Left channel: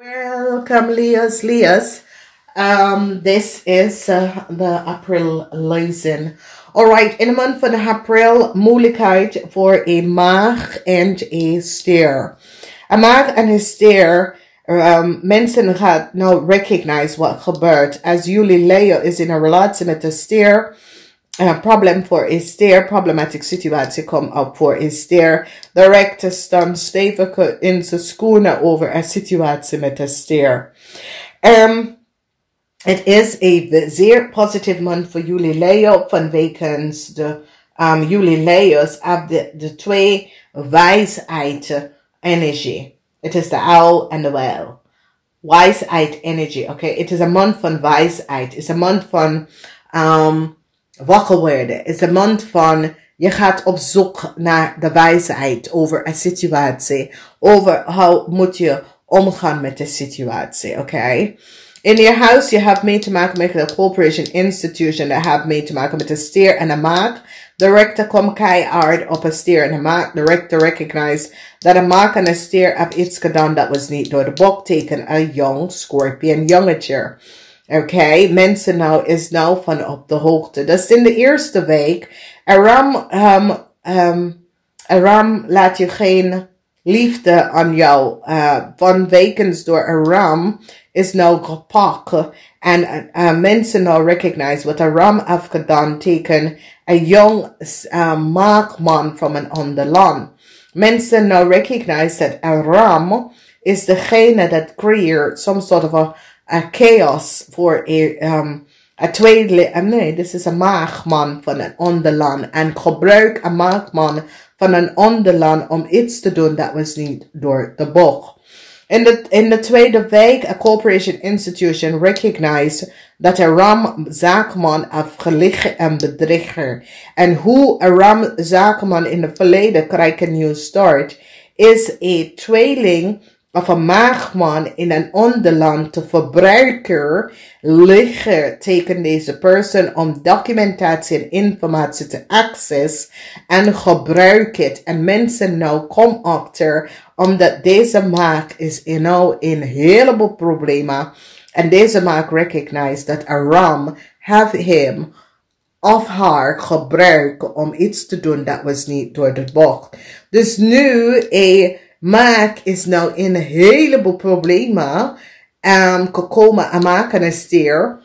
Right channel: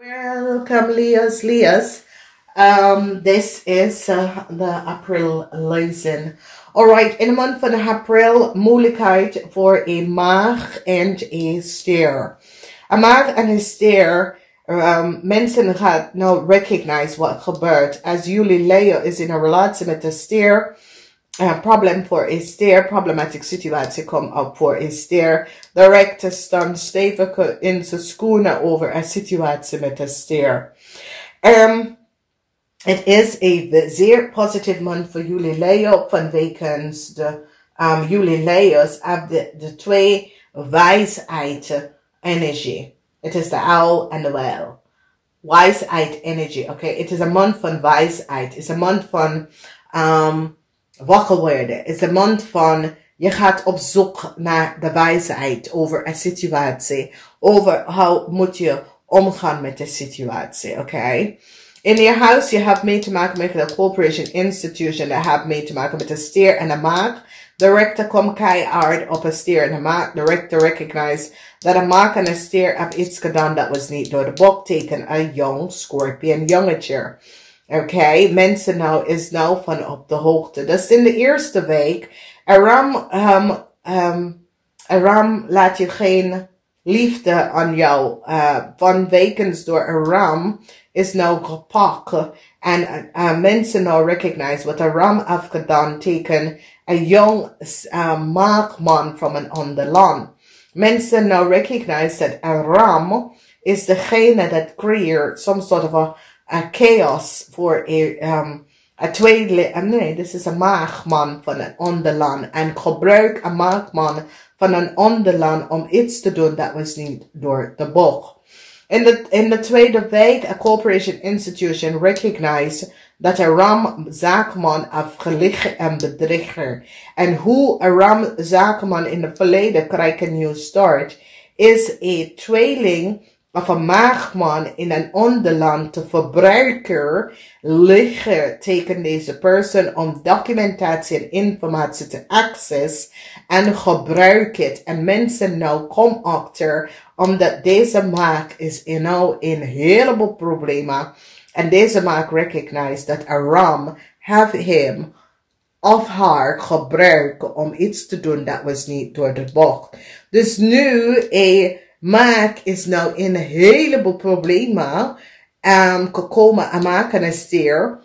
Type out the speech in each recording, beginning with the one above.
Welcome, Leah's. This is the April Lezing. Alright, in de maand van April, moeilijkheid voor een maag en een stier. Een maag en een stier, mensen gaan nou recognize wat gebeurt. Als jullie LEEUW is in een relatie met de stier, problem voor een stier, problematic situatie komt op voor een stier. De rechter staat stevig in zijn schoenen over een situatie met de stier. Het is een zeer positief maand voor jullie LEEUW vanwege de jullie LEEUW's hebben de twee wijsheid energie. Het is de uil en de wel. Wijsheid energie, oké. Het is een maand van wijsheid. Het is een maand van wakker worden. Het is een maand van je gaat op zoek naar de wijsheid over een situatie. Over hoe moet je omgaan met de situatie, oké. In je huis, je hebt mee te maken met de corporation institution. Je hebt mee te maken met de stier en de maag. De rechter komt keihard op een stier en de maag. De rechter recognize dat een maag en een stier hebben iets gedaan dat was niet door de boek teken. Een jong scorpion jongetje. Oké, mensen nou is nou van op de hoogte. Dus in de eerste week, Ram laat je geen liefde aan jou. Vanwege door een ram is nou gepakt. En mensen nou recognize wat een ram heeft gedaan tegen een jong maagman van een ander land. Mensen nou recognize dat een ram is degene dat creëert some sort of a chaos voor een tweede, nee, dit is een maagman van een ander land. En gebruik een maagman van een ander land om iets te doen dat was niet door de boek. In de tweede week, a corporation institution recognize dat een ramzaakman heeft geliegen en bedriegen. En hoe een ramzaakman in het verleden krijgt een nieuw start, is een tweeling of een maagman in een ander land te verbruiken liggen tegen deze persoon om documentatie en informatie te access en gebruik het. En mensen nou komen achter omdat deze maag is nou in een heleboel problemen. En deze maag recognize dat een ram have hem of haar gebruikt om iets te doen dat was niet door de boek. Dus nu maag is nou in een heleboel problemen gekomen. En maag en een stier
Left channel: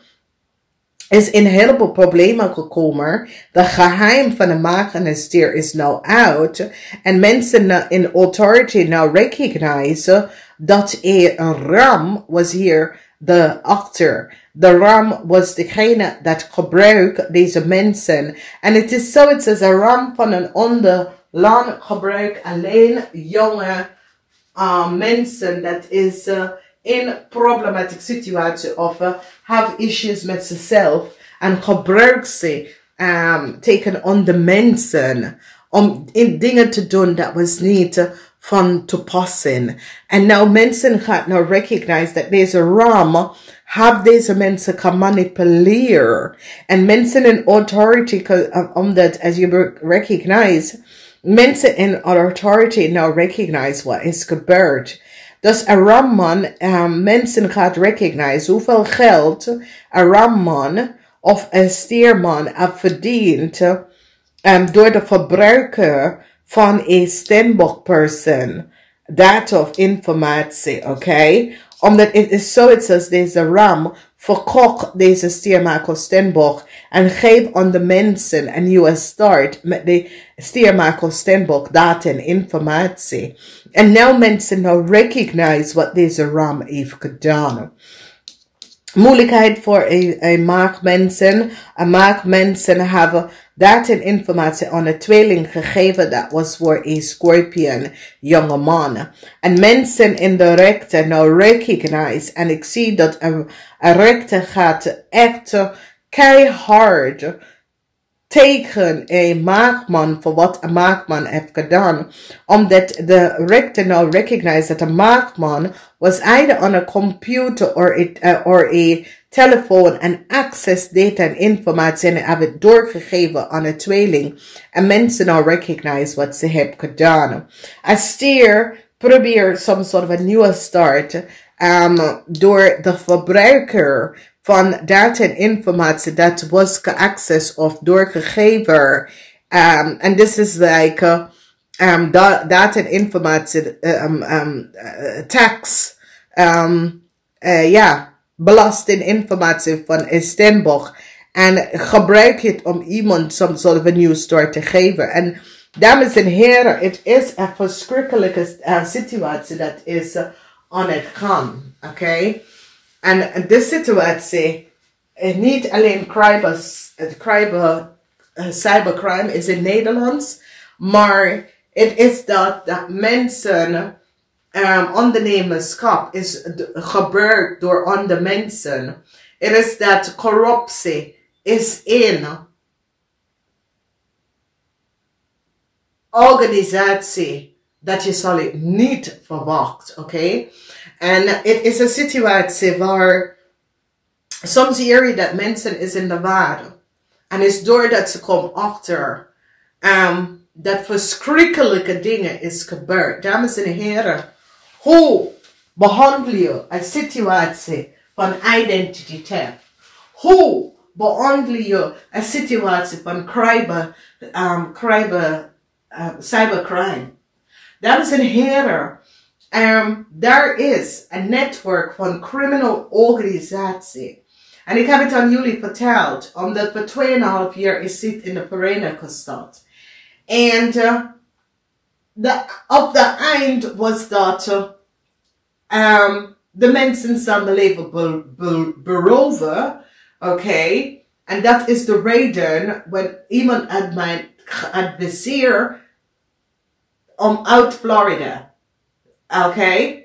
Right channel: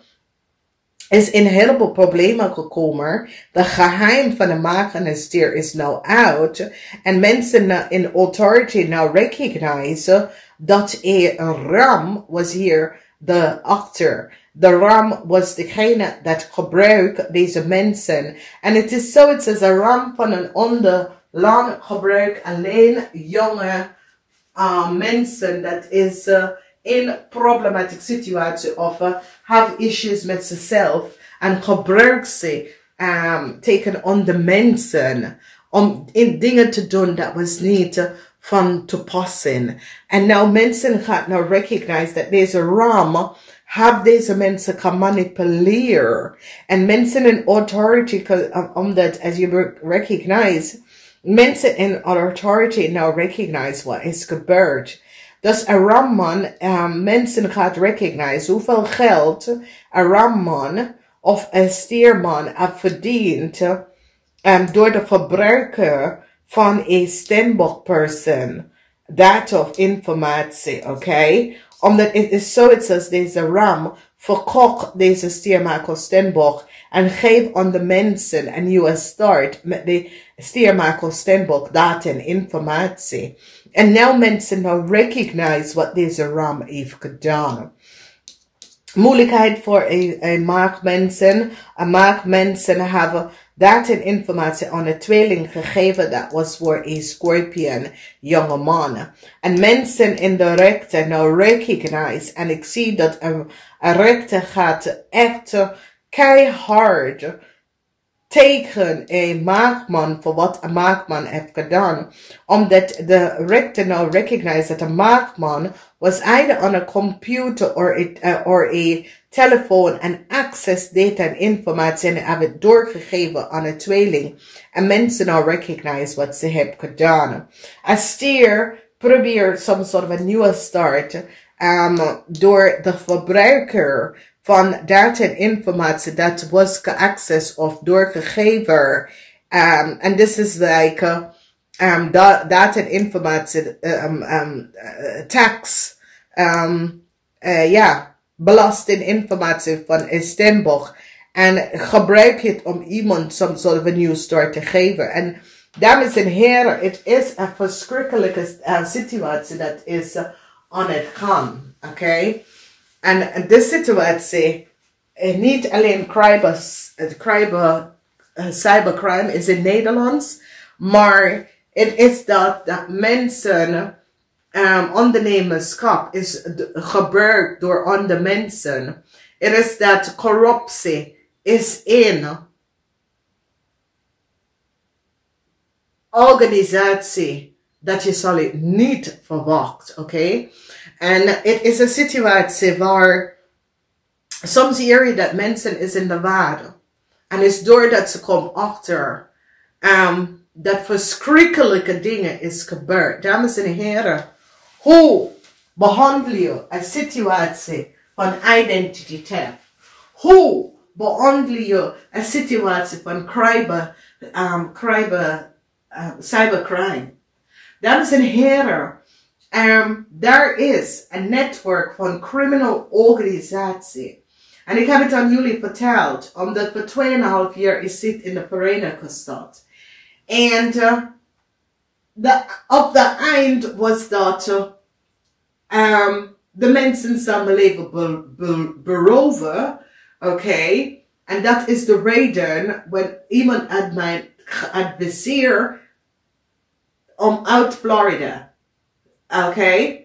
is in een heleboel problemen gekomen. De geheim van de maag en een stier is nou uit. En mensen in authority nou recognize dat een ram was hier de achter. De ram was degene dat gebruikt deze mensen. En het is zoiets als een ram van een ander land gebruik alleen jonge mensen dat is in problematic situatie of have issues met zichzelf en gebruik ze tegen andere mensen om dingen te doen dat was niet van toepassing. En nou mensen gaan nou recognize dat deze ram have deze mensen kan manipuleren. En mensen in authority, omdat as you recognize, mensen in authority nou recognize wat is gebeurd. Dus een ramman, mensen gaat recognize hoeveel geld een ramman of een stierman heeft verdiend door de verbruiker van een stemboekpersoon. Data of informatie, oké? Omdat het is zoiets als deze ram verkocht deze stiermaker stemboek en geef aan de mensen een nieuwe start met de stiermaker stemboek data en informatie. En nu mensen nou recognize wat deze ram heeft gedaan. Moeilijkheid voor een maagmensen. Een maagmensen hebben data en informatie aan een tweeling gegeven. Dat was voor een scorpion jonge man. En mensen in de rechter nou recognize. En ik zie dat een rechter gaat echt keihard tegen een maagman voor wat een maagman heeft gedaan. Omdat de rechter nou recognize dat een maagman was either on a computer or a telefoon en access data en informatie en hebben het doorgegeven aan een tweeling. En mensen nou recognize wat ze hebben gedaan. Als stier probeer some sort of a nieuwe start. door de verbruiker van data en informatie dat was geaccessed of doorgegeven. And this is like data en informatie tax belastinginformatie van Istanbul. En gebruik het om iemand some sort of a news story te geven. En dames en heren, het is een verschrikkelijke situatie dat is aan het gaan. Oké? En de situatie, niet alleen cybercrime is in Nederlands, maar het is dat mensen, ondernemerschap is gebruikt door andere mensen. Het is dat corruptie is in organisatie dat je zal het niet verwacht, oké? En het is een situatie waar soms zie je dat mensen is in de waarde. En is doordat ze komen achter dat verschrikkelijke dingen is gebeurd. Dames en heren, hoe behandel je een situatie van identiteit? Hoe behandel je een situatie van cybercrime? Dames en heren, daar is een netwerk van criminal organisatie. En ik heb het aan jullie verteld, omdat we 2,5 jaar is zit in de Verenigde Staten. En op de eind was dat de mensen zijn leven beroven. Oké? En dat is de reden wat iemand uit mij adviseert om uit Florida. Oké?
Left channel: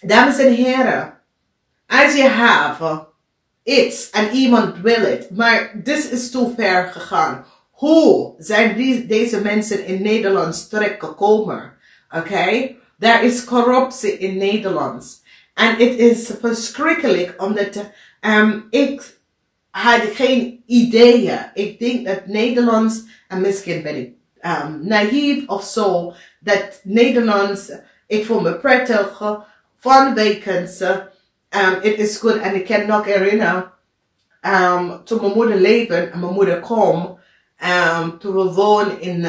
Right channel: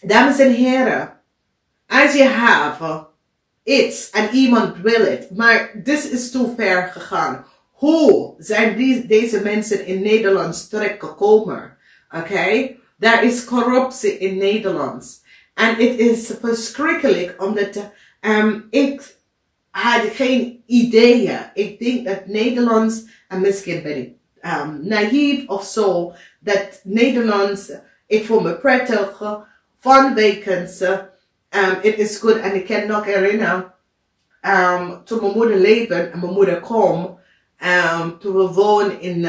Dames en heren, als je hebt iets en iemand wil het, maar dit is te ver gegaan. Hoe zijn deze mensen in Nederland terechtgekomen? Oké? Daar is corruptie in Nederland. En het is verschrikkelijk, omdat ik had geen ideeën. Ik denk dat Nederlands, en misschien ben ik naïef of zo, dat Nederlands, ik voel me prettig, vanwege het is goed. En ik kan nog herinneren, toen mijn moeder leefde en mijn moeder kwam, toen we woonden in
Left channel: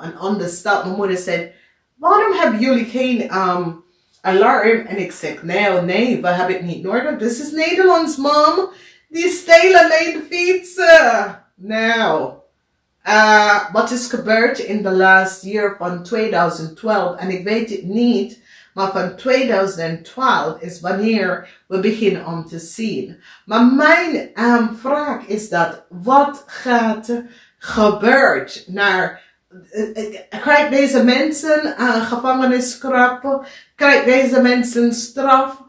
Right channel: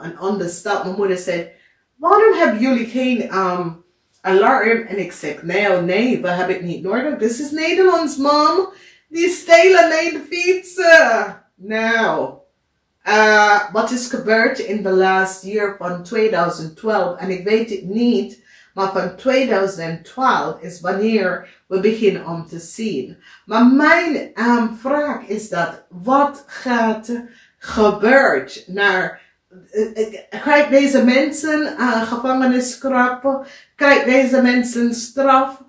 een andere stad, mijn moeder zei, waarom hebben jullie geen alarm? En ik zeg, nee, we hebben het niet nodig. Dit is Nederlands, mam. Die stelen mijn fietsen. Nou, wat is gebeurd in de laatste jaar van 2012? En ik weet het niet, maar van 2012 is wanneer we beginnen om te zien. Maar mijn vraag is dat, wat gaat gebeuren naar... Krijgt deze mensen gevangenisstraf? Krijgt deze mensen straf?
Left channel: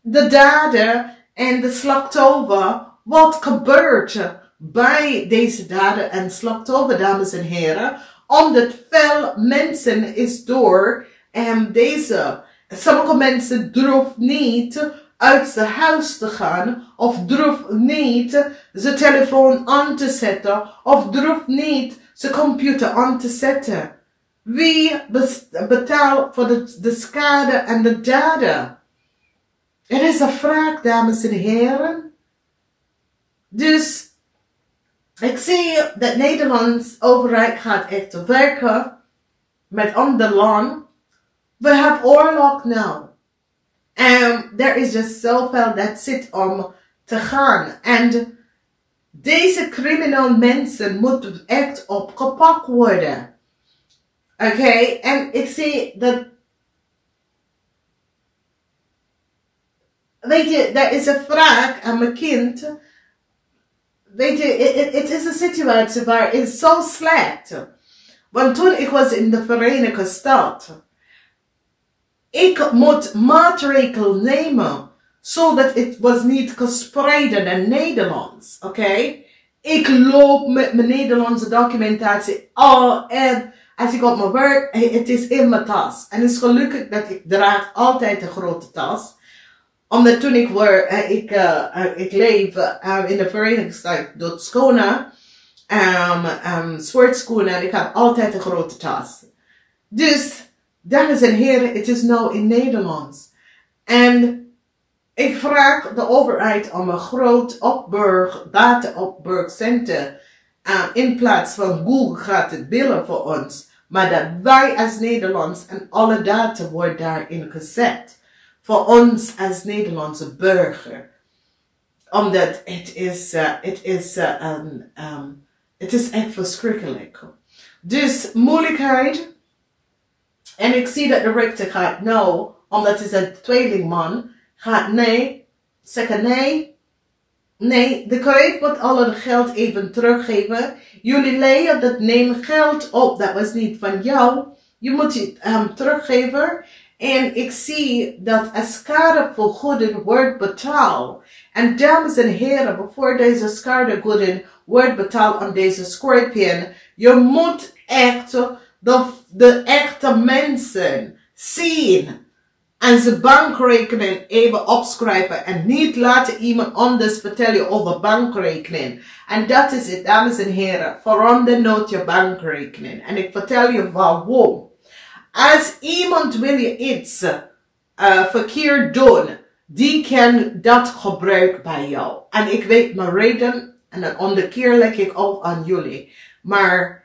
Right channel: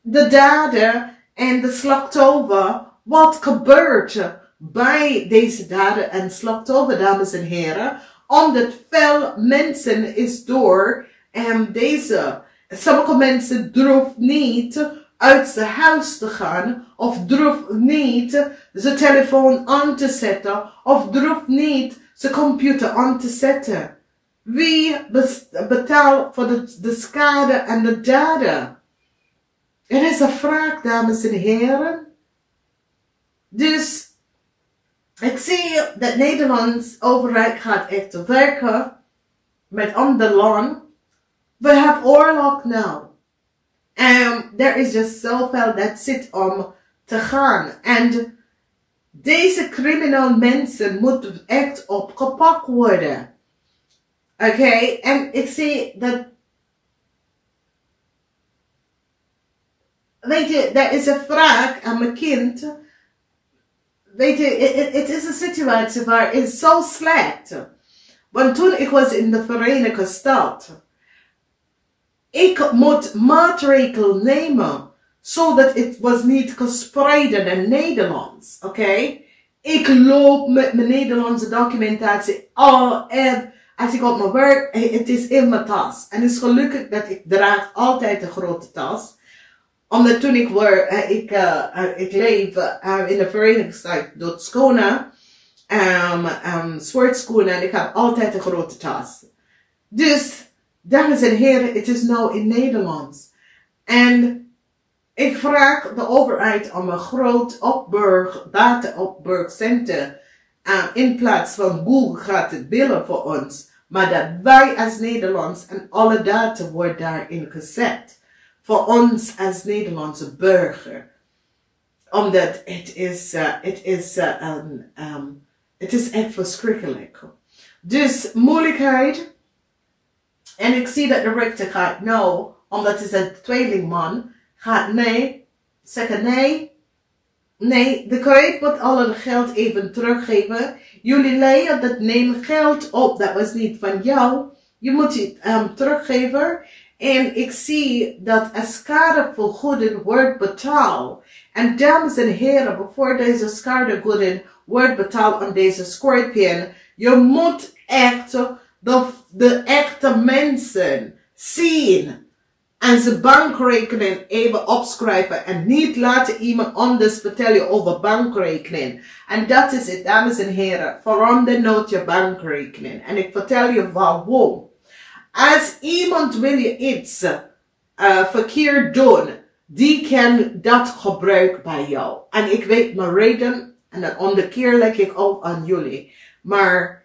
De dader en de slachtoffer. Wat gebeurt bij deze dader en slachtoffer, dames en heren? Omdat veel mensen is door sommige mensen durven niet uit zijn huis te gaan, of durven niet zijn telefoon aan te zetten, of durven niet zijn computer aan te zetten. Wie betaalt voor de schade en de daden? Het is een vraag, dames en heren. Dus, ik zie dat Nederlands overheid gaat echt werken met ander land. We hebben oorlog nu. En er is just zoveel dat zit om te gaan. En deze criminele mensen moeten echt opgepakt worden. Oké? En ik zie dat... Weet je, er is een vraag aan mijn kind. Weet je, het is een situatie waar het is zo slecht. Want toen ik was in de Verenigde Staten, ik moet maatregelen nemen, zodat het was niet gespreid in Nederlands. Oké? Ik loop met mijn Nederlandse documentatie en als ik op mijn werk, het is in mijn tas. En het is gelukkig dat ik draag altijd een grote tas. Omdat toen ik leef in de Verenigde Staten, door schoenen, sportschoenen, en ik heb altijd een grote tas. Dus, dames en heren, het is nou in Nederlands. En ik vraag de overheid om een groot data-opburgcentrum in plaats van Google gaat het billen voor ons. Maar dat wij als Nederlands en alle data wordt daarin gezet. Voor ons als Nederlandse burger. Omdat het is echt verschrikkelijk. Dus moeilijkheid. En ik zie dat de rechter gaat nou, omdat het is een tweelingman, gaat nee, zeggen nee. Nee, de kreet moet al het geld even teruggeven. Jullie leiden dat neem geld op, dat was niet van jou. Je moet het teruggeven. En ik zie dat als schadevergoeding wordt betaald. En dames en heren, voor deze schadevergoeding wordt betaald aan deze Scorpion, je moet echt de echte mensen zien. En zijn bankrekening even opschrijven. En niet laten iemand anders vertellen over bankrekening. En dat is het, dames en heren. Verander nooit je bankrekening. En ik vertel je waarom. Als iemand wil je iets verkeerd doen, die kan dat gebruiken bij jou. En ik weet mijn reden. En dan onderkeer leg ik ook aan jullie. Maar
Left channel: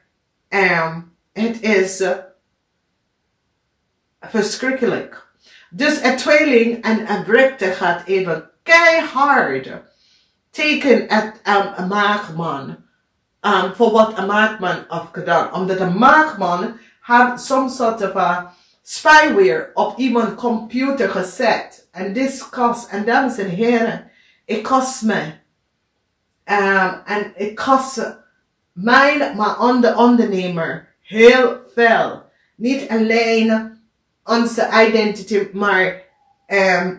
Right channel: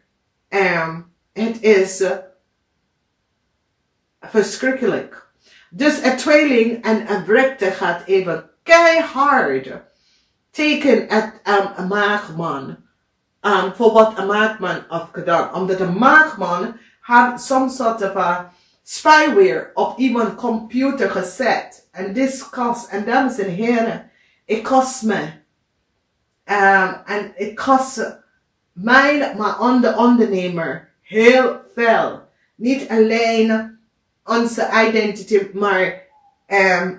het is verschrikkelijk. Dus een tweeling en een rechter gaat even keihard tegen een maagman. Voor wat een maagman heeft gedaan. Omdat een maagman had soms soort van spyware op iemands computer gezet. En dit kost, en dames en heren, het kost me. En het kost mij, maar aan de ondernemer, heel veel. Niet alleen onze identiteit, maar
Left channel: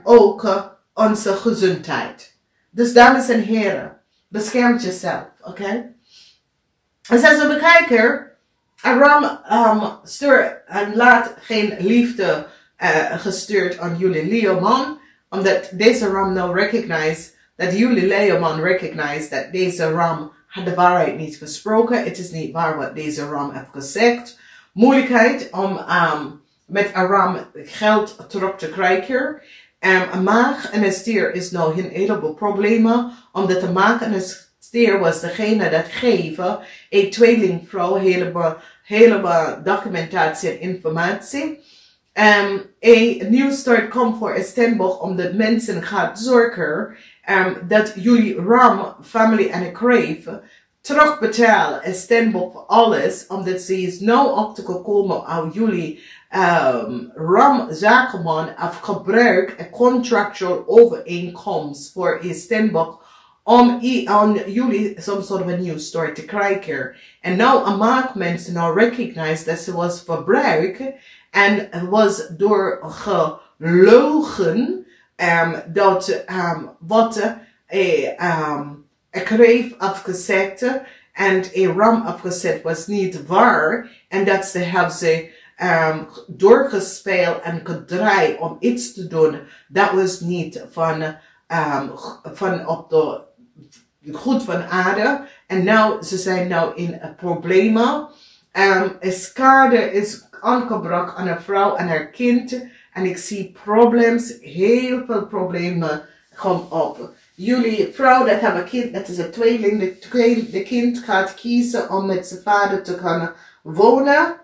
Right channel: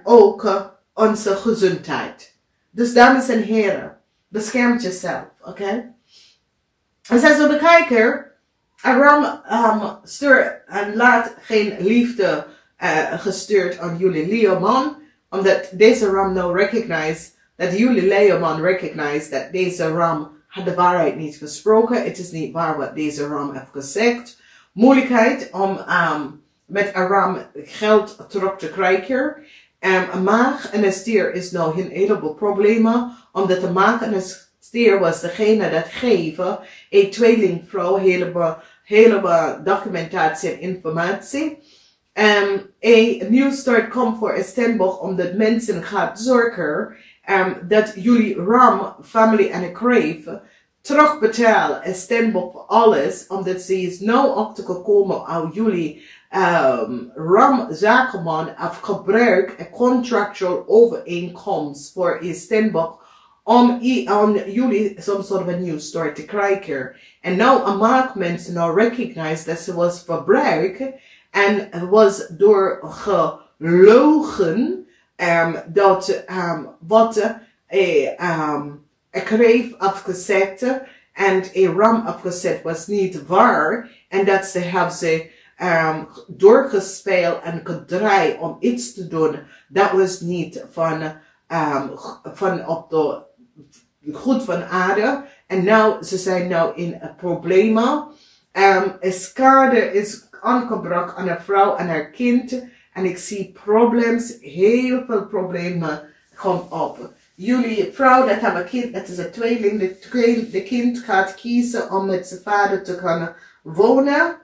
ook onze gezondheid. Dus dames en heren, bescherm jezelf, oké? En zoals we bekijken, Ram stuurt en laat geen liefde gestuurd aan jullie LEEUW-man, omdat deze Ram nou recognize, dat jullie LEEUW-man recognize dat deze Ram had de waarheid niet gesproken. Het is niet waar wat deze Ram heeft gezegd. Moeilijkheid om met een ram geld terug te krijgen. Een maag en een stier is nou een heleboel problemen. Omdat de maag en de stier was degene dat geven. Een tweelingvrouw heleboel documentatie en informatie. Een nieuw start komt voor Istanbul omdat mensen gaan zorgen dat jullie ram, family en crave terugbetalen Istanbul voor alles. Omdat ze is nou achtergekomen aan jullie ram zakenman heeft gebruikt een contractual overeenkomst voor Istanbul om aan jullie some sort of a new start te krijgen. En nou een maak mensen nou recognize dat ze was verbruikt en was door gelogen dat wat een kreef afgezet en een ram afgezet was niet waar en dat ze hebben ze doorgespeeld en gedraaid om iets te doen. Dat was niet van op de goed van aarde. En nou, ze zijn nou in problemen. Een schade is aangebracht aan een vrouw en haar kind. En ik zie problemen, heel veel problemen komen op. Jullie vrouw dat hebben een kind, dat is een tweeling. De kind gaat kiezen om met zijn vader te gaan wonen.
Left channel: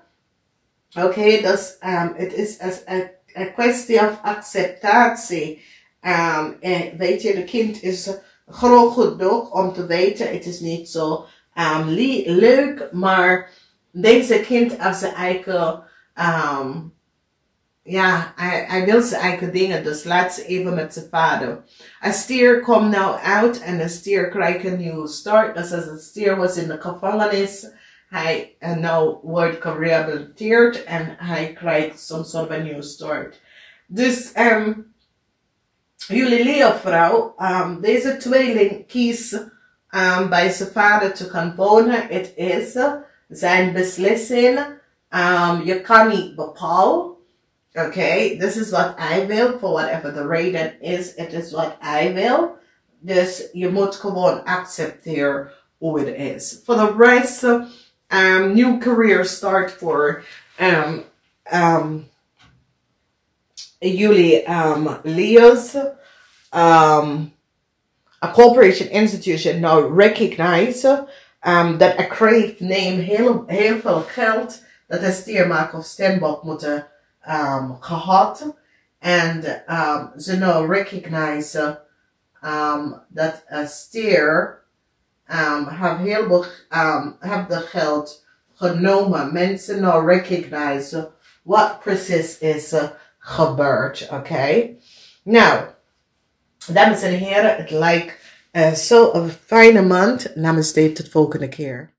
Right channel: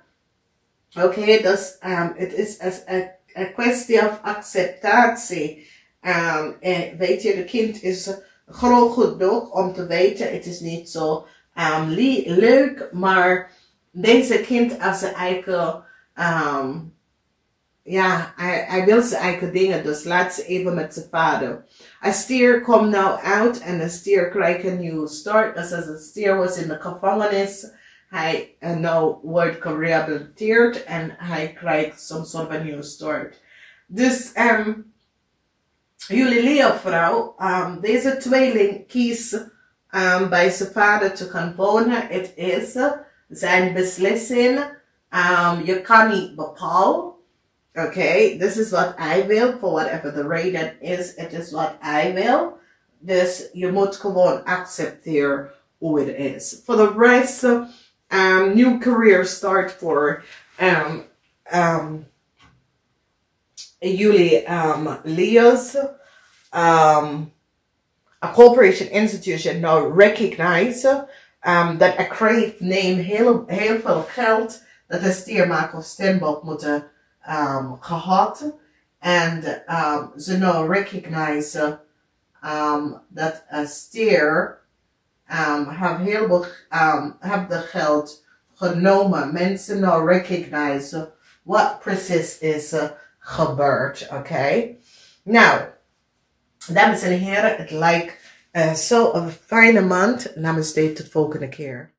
Oké, dus het is een kwestie van acceptatie. Weet je, de kind is groot genoeg om te weten, het is niet zo leuk, maar deze kind heeft zijn eigen, ja, hij wil zijn eigen dingen, dus laat ze even met zijn vader. Een stier komt nou uit en een stier krijgt een nieuwe start. Dus als een stier was in de gevangenis, hij nou wordt gerehabiliteerd en hij krijgt some sort of a new start. Dus jullie leervrouw, deze tweeling kiest bij zijn vader te gaan wonen. Het is zijn beslissing. Je kan niet bepalen. Oké, this is wat hij wil. For whatever the reden is, het is wat hij wil. Dus je moet gewoon accepteren hoe het is. For the rest, new career start for jullie Leo's a corporation institution nou recognize dat een kreeg neem heel veel geld dat de stiermaker of stembok moeten gehad. En ze nou recognize dat een stier have de geld genomen. Mensen nou recognize wat precies is gebeurd. Oké. Nou, dames en heren, het lijkt zo een fijne maand. Namaste, tot volgende keer.